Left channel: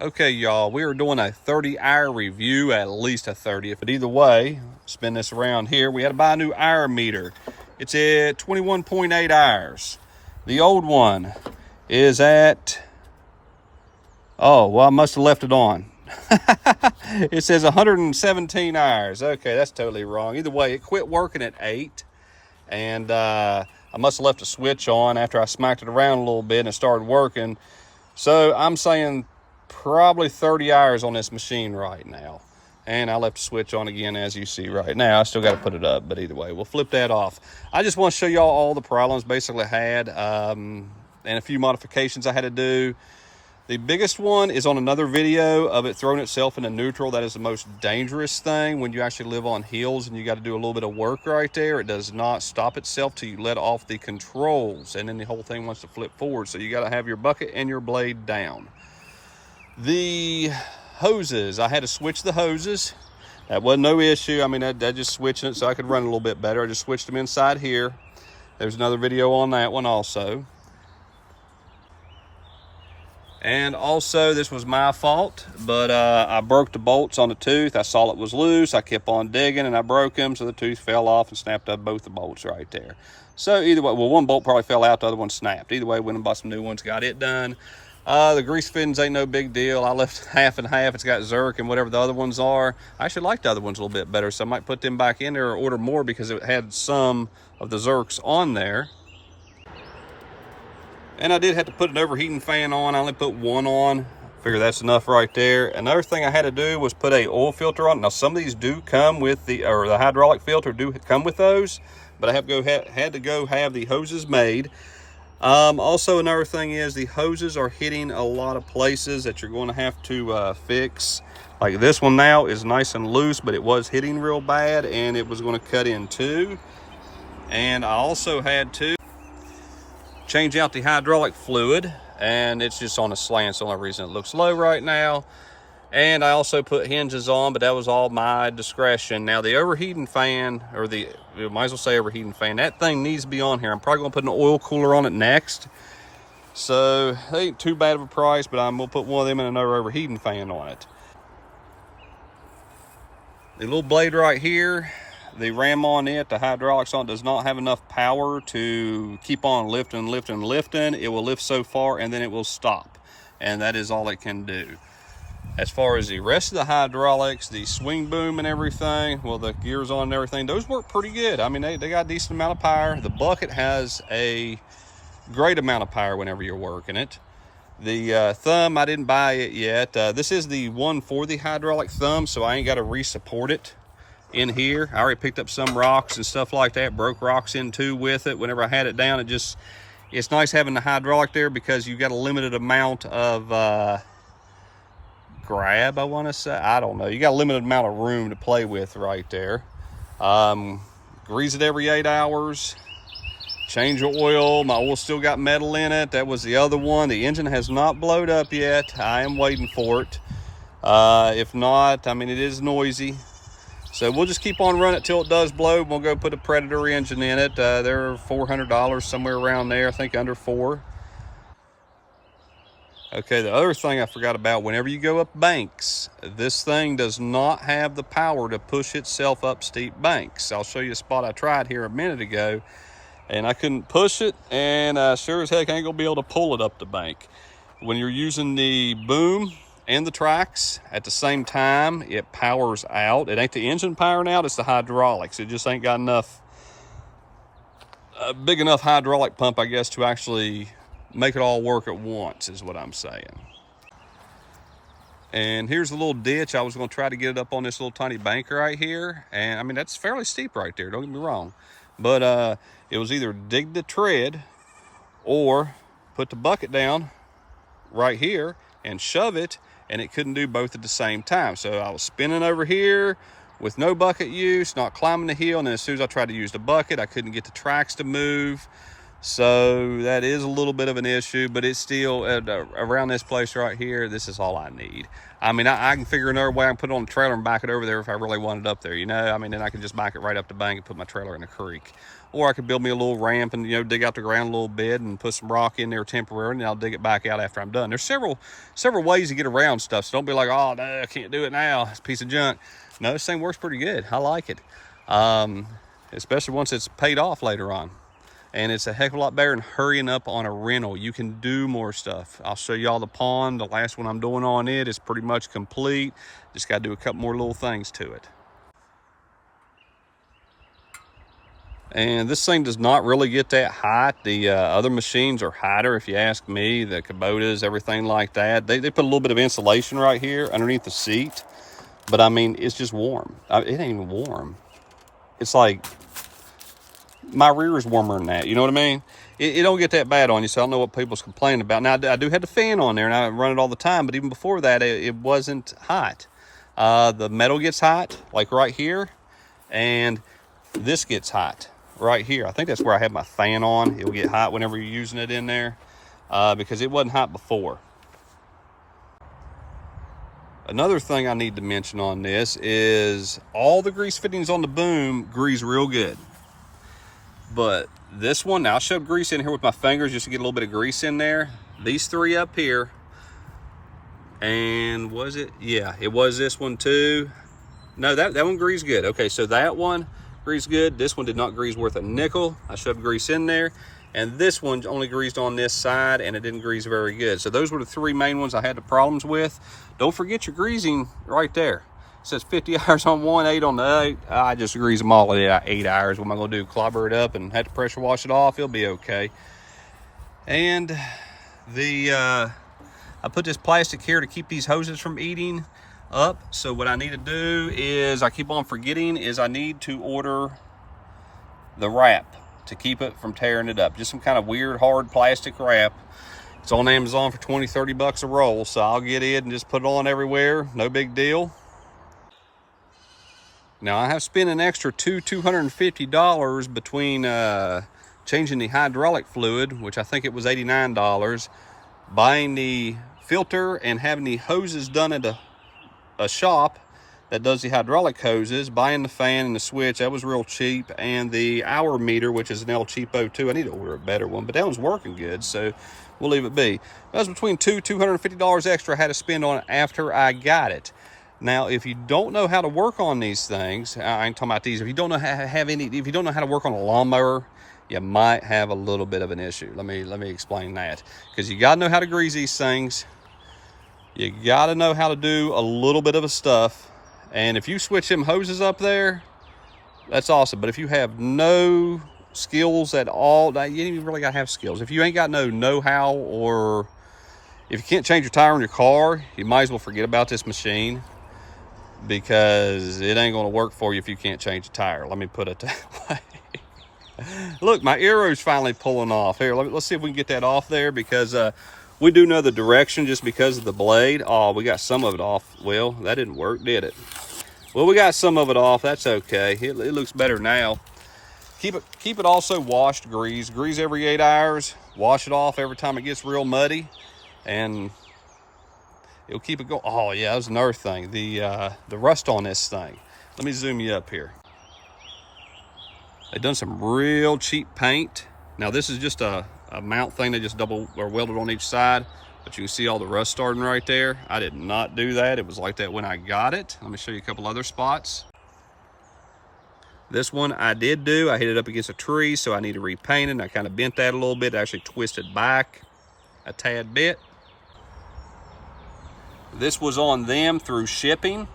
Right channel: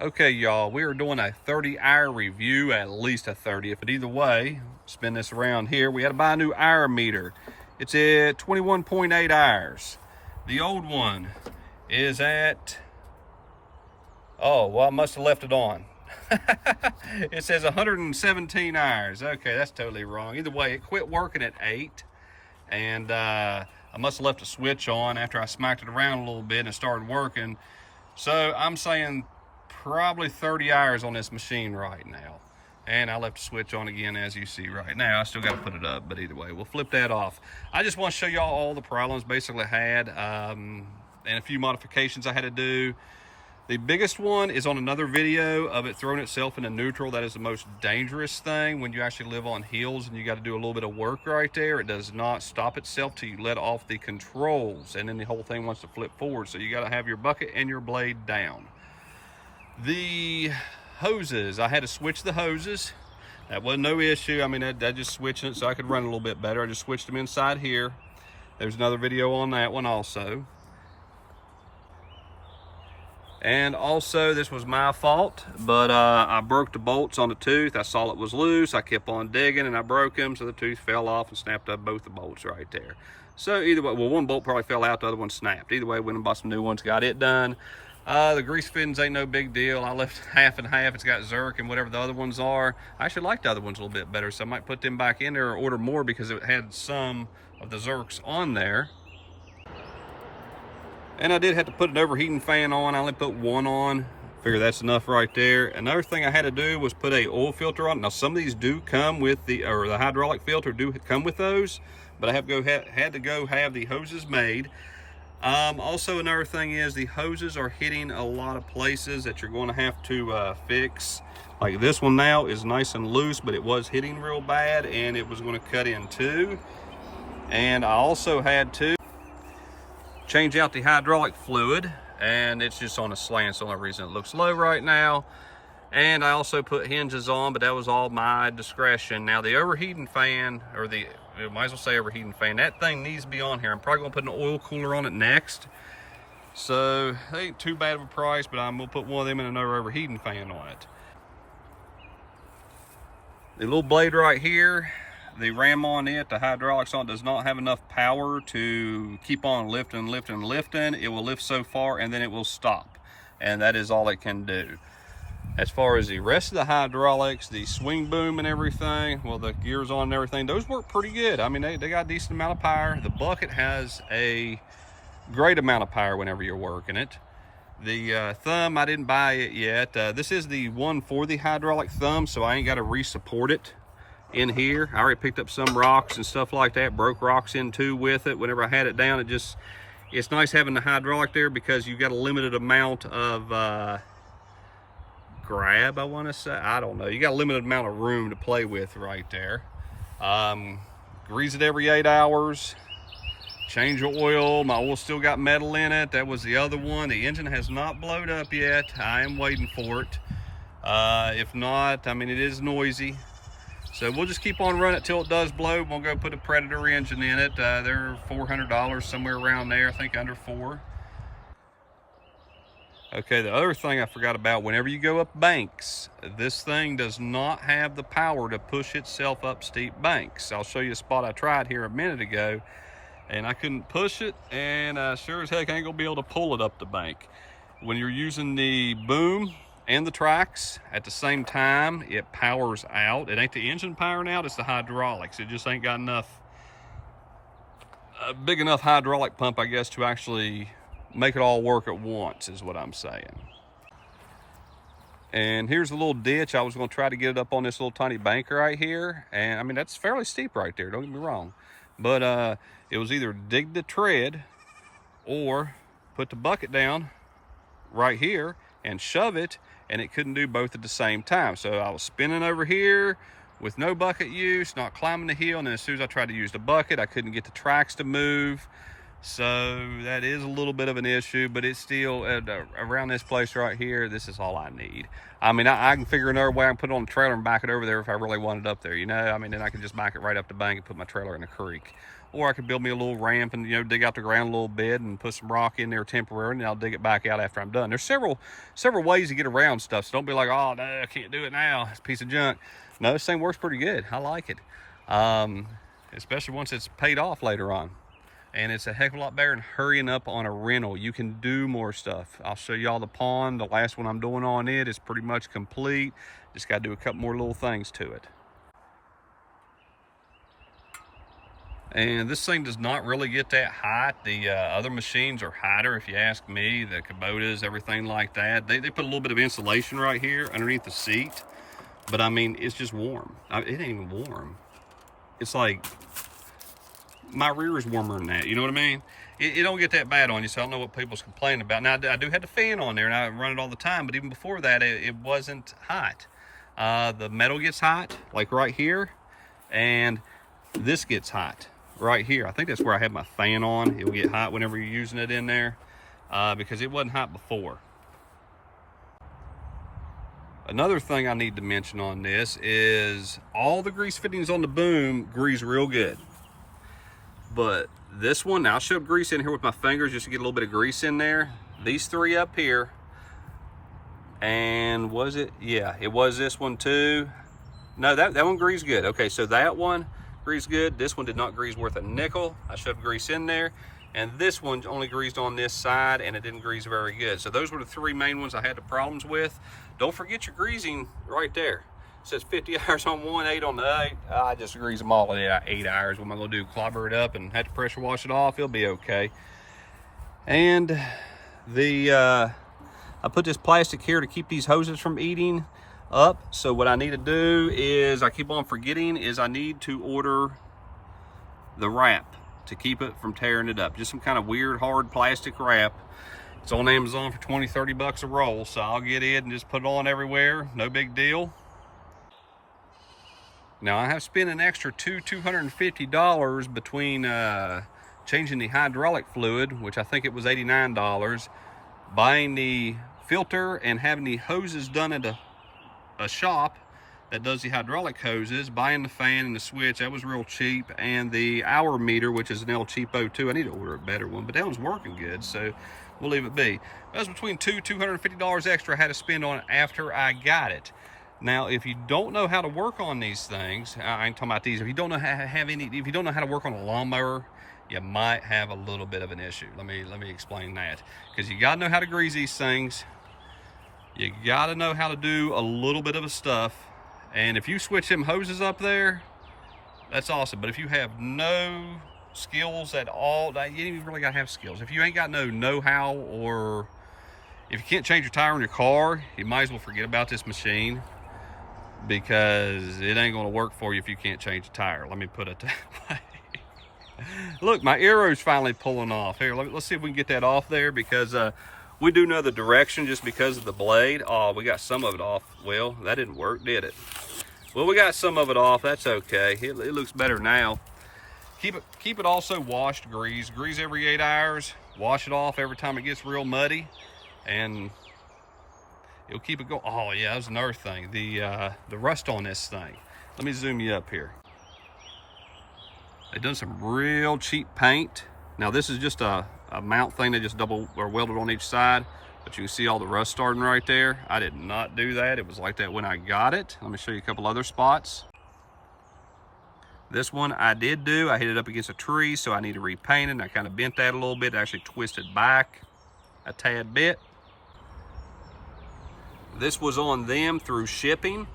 Okay, y'all, we are doing a 30-hour review, at least a 30. But either way, spin this around here. We had to buy a new hour meter. It's at 21.8 hours. The old one is at, oh, well, I must have left it on. It says 117 hours. Okay, that's totally wrong. Either way, it quit working at 8. And I must have left a switch on after I smacked it around a little bit and it started working. So I'm saying probably 30 hours on this machine right now. And I left the switch on again, as you see right now. I still got to put it up, but either way, we'll flip that off. I just want to show y'all all the problems basically I had, and a few modifications I had to do. The biggest one is on another video of it throwing itself into neutral. That is the most dangerous thing when you actually live on hills and you got to do a little bit of work right there. It does not stop itself till you let off the controls, and then the whole thing wants to flip forward. So you got to have your bucket and your blade down. The hoses, I had to switch the hoses. That wasn't no issue. I mean, I just switching it so I could run a little bit better. I just switched them inside here. There's another video on that one also. And also, this was my fault, but I broke the bolts on the tooth. I saw it was loose. I kept on digging and I broke them, so the tooth fell off and snapped up both the bolts right there. So either way, well, one bolt probably fell out, the other one snapped. Either way, went and bought some new ones, got it done. The grease fittings ain't no big deal. I left half and half. It's got Zerk and whatever the other ones are. I actually like the other ones a little bit better, so I might put them back in there or order more because it had some of the Zerks on there. And I did have to put an overheating fan on. I only put one on. Figure that's enough right there. Another thing I had to do was put a oil filter on. Now some of these do come with the hydraulic filter do come with those, but I had to go have the hoses made. Also another thing is the hoses are hitting a lot of places that you're going to have to fix. Like this one now is nice and loose, but it was hitting real bad and it was going to cut in too. And I also had to change out the hydraulic fluid, and it's just on a slant. So the only reason it looks low right now. And I also put hinges on, but that was all my discretion. Now the overheating fan, or might as well say overheating fan, that thing needs to be on here. I'm probably gonna put an oil cooler on it next. So it ain't too bad of a price, but I'm gonna put one of them and another overheating fan on it. The little blade right here, the ram on it, the hydraulics on it, does not have enough power to keep on lifting. It will lift so far and then it will stop, and that is all it can do. As far as the rest of the hydraulics, the swing boom and everything, well, the gears on and everything, those work pretty good. I mean, they got a decent amount of power. The bucket has a great amount of power whenever you're working it. The thumb, I didn't buy it yet. This is the one for the hydraulic thumb, so I ain't got to re-support it in here. I already picked up some rocks and stuff like that, broke rocks in too with it. Whenever I had it down, it's nice having the hydraulic there because you've got a limited amount of grab, I want to say. I don't know. You got a limited amount of room to play with right there. Grease it every 8 hours. Change your oil. My oil still got metal in it. That was the other one. The engine has not blowed up yet. I am waiting for it. If not, I mean, it is noisy. So we'll just keep on running it till it does blow. We'll go put a Predator engine in it. They're $400, somewhere around there. I think under $400. Okay, the other thing I forgot about, whenever you go up banks, this thing does not have the power to push itself up steep banks. I'll show you a spot I tried here a minute ago, and I couldn't push it, and sure as heck I ain't gonna be able to pull it up the bank. When you're using the boom and the tracks at the same time, it powers out. It ain't the engine powering out, it's the hydraulics. It just ain't got a big enough hydraulic pump, I guess, to actually make it all work at once, is what I'm saying. And here's a little ditch. I was going to try to get it up on this little tiny bank right here, and I mean, that's fairly steep right there, don't get me wrong, but it was either dig the tread or put the bucket down right here and shove it, and it couldn't do both at the same time. So I was spinning over here with no bucket use, not climbing the hill, and then as soon as I tried to use the bucket, I couldn't get the tracks to move. So that is a little bit of an issue, but it's still around this place right here. This is all I need. I mean, I can figure another way. I can put it on the trailer and back it over there if I really want it up there, you know. I mean, then I can just back it right up the bank and put my trailer in the creek. or I could build me a little ramp and, you know, dig out the ground a little bit and put some rock in there temporarily, and I'll dig it back out after I'm done. There's several ways to get around stuff, so don't be like, oh, no, I can't do it now. It's a piece of junk. No, this thing works pretty good. I like it, especially once it's paid off later on. And it's a heck of a lot better than hurrying up on a rental. You can do more stuff. I'll show y'all the pond. The last one I'm doing on it is pretty much complete. Just got to do a couple more little things to it. And this thing does not really get that hot. The other machines are hotter, if you ask me. The Kubotas, everything like that. They put a little bit of insulation right here underneath the seat. But I mean, it's just warm. It ain't even warm. It's like, my rear is warmer than that, you know what I mean? It don't get that bad on you, so I don't know what people's complaining about. Now, I do have the fan on there, and I run it all the time, but even before that, it wasn't hot. The metal gets hot, like right here, and this gets hot right here. I think that's where I have my fan on. It'll get hot whenever you're using it in there, because it wasn't hot before. Another thing I need to mention on this is all the grease fittings on the boom grease real good. But this one, now I showed grease in here with my fingers just to get a little bit of grease in there. These three up here, and was it? Yeah, it was this one too. No, that one greased good. Okay, so that one greased good. This one did not grease worth a nickel. I shoved grease in there. And this one only greased on this side, and it didn't grease very good. So those were the three main ones I had the problems with. Don't forget your greasing right there. It says 50 hours on one, 8 on the 8. I just grease them all at 8 hours. What am I going to do? Clobber it up and have to pressure wash it off? It'll be okay. And I put this plastic here to keep these hoses from eating up. So what I need to do is, I keep on forgetting, is I need to order the wrap to keep it from tearing it up. Just some kind of weird hard plastic wrap. It's on Amazon for 20-30 bucks a roll. So I'll get it and just put it on everywhere. No big deal. Now, I have spent an extra $250 between changing the hydraulic fluid, which I think it was $89, buying the filter and having the hoses done at a shop that does the hydraulic hoses, buying the fan and the switch. That was real cheap. And the hour meter, which is an El Cheapo too. I need to order a better one, but that one's working good, so we'll leave it be. That was between $250 extra I had to spend on it after I got it. Now, if you don't know how to work on these things, I ain't talking about these. If you don't know if you don't know how to work on a lawnmower, you might have a little bit of an issue. Let me explain that. Because you got to know how to grease these things. You got to know how to do a little bit of a stuff. And if you switch them hoses up there, that's awesome. But if you have no skills at all, you ain't even really got to have skills. If you ain't got no know-how, or if you can't change your tire in your car, you might as well forget about this machine, because it ain't going to work for you if you can't change a tire. Let me put it that way. Look, my arrow's finally pulling off. Here, let's see if we can get that off there, because we do know the direction just because of the blade. Oh, we got some of it off. Well, that didn't work, did it? Well, we got some of it off. That's okay. It looks better now. Keep it also washed, grease every 8 hours. Wash it off every time it gets real muddy, and it'll keep it going. Oh yeah, that's another thing. The rust on this thing. Let me zoom you up here. They've done some real cheap paint. Now this is just a mount thing. They just double or welded on each side, but you can see all the rust starting right there. I did not do that. It was like that when I got it. Let me show you a couple other spots. This one I did do. I hit it up against a tree, so I need to repaint it. And I kind of bent that a little bit. I actually twisted back a tad bit. This was on them through shipping.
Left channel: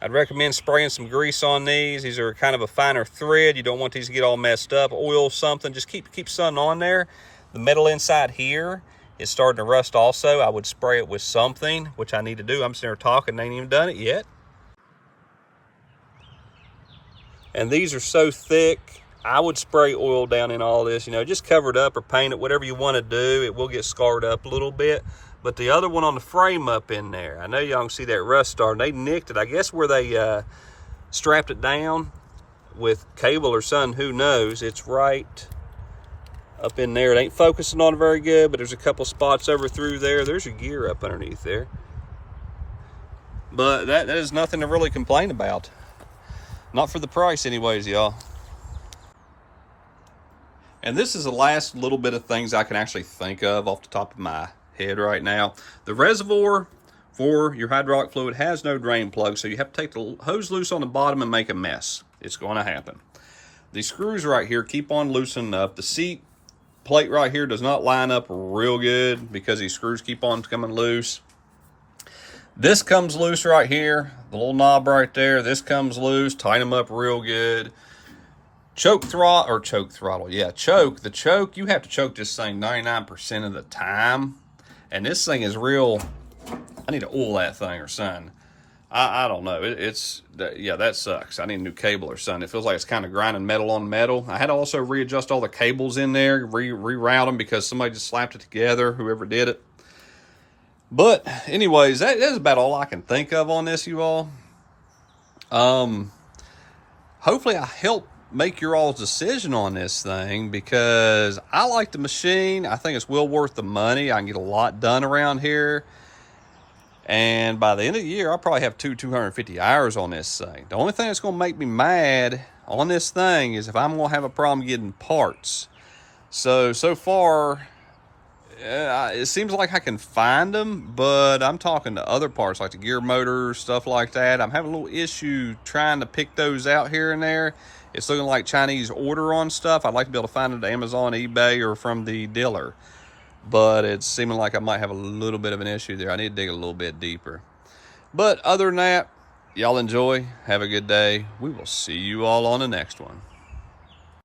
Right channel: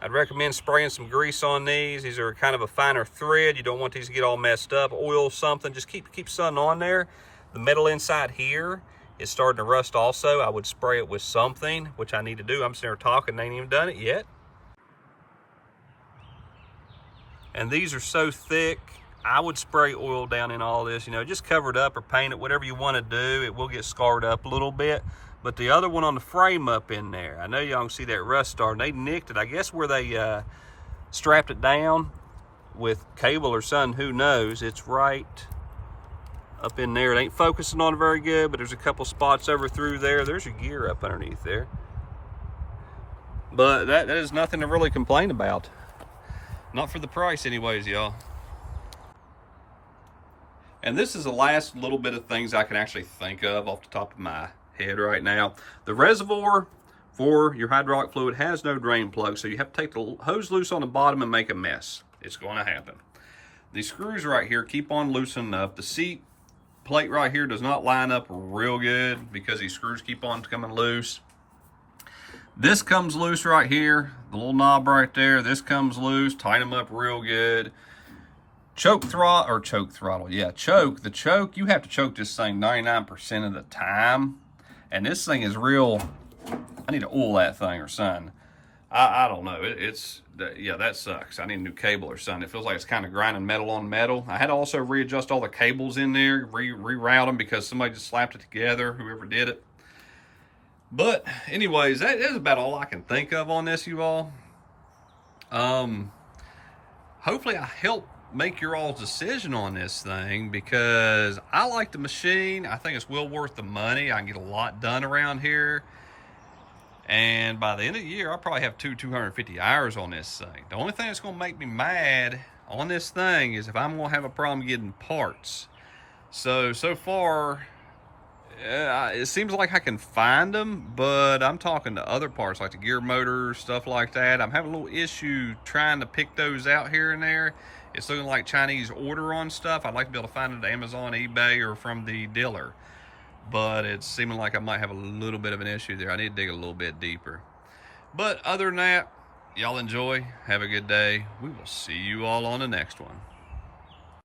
I'd recommend spraying some grease on these. These are kind of a finer thread. You don't want these to get all messed up. Oil something. Just keep something on there. The metal inside here is starting to rust also. I would spray it with something, which I need to do. I'm sitting there talking, ain't even done it yet. And these are so thick, I would spray oil down in all this. You know, just cover it up or paint it, whatever you want to do. It will get scarred up a little bit. But the other one on the frame up in there, I know y'all can see that rust starting. They nicked it, I guess where they strapped it down with cable or something, who knows. It's right up in there. It ain't focusing on it very good, but there's a couple spots over through there. There's your gear up underneath there. But that is nothing to really complain about. Not for the price anyways, y'all. And this is the last little bit of things I can actually think of off the top of my head right now. The reservoir for your hydraulic fluid has no drain plug, so you have to take the hose loose on the bottom and make a mess. It's going to happen. These screws right here keep on loosening up. The seat plate right here does not line up real good because these screws keep on coming loose. This comes loose right here. The little knob right there, this comes loose. Tighten them up real good. Choke throttle. Yeah, choke. The choke, you have to choke this thing 99% of the time. And this thing is real. I need to oil that thing or something. I don't know. Yeah, that sucks. I need a new cable or something. It feels like it's kind of grinding metal on metal. I had to also readjust all the cables in there, reroute them because somebody just slapped it together, whoever did it. But anyways, that's about all I can think of on this, you all. Hopefully I help make your all's decision on this thing, because I like the machine. I think it's well worth the money. I can get a lot done around here. And by the end of the year, I'll probably have 250 hours on this thing. The only thing that's going to make me mad on this thing is if I'm going to have a problem getting parts. So far, it seems like I can find them, but I'm talking to other parts like the gear motor, stuff like that. I'm having a little issue trying to pick those out here and there. It's looking like Chinese order on stuff. I'd like to be able to find it at Amazon, eBay, or from the dealer. But it's seeming like I might have a little bit of an issue there. I need to dig a little bit deeper. But other than that, y'all enjoy. Have a good day. We will see you all on the next one.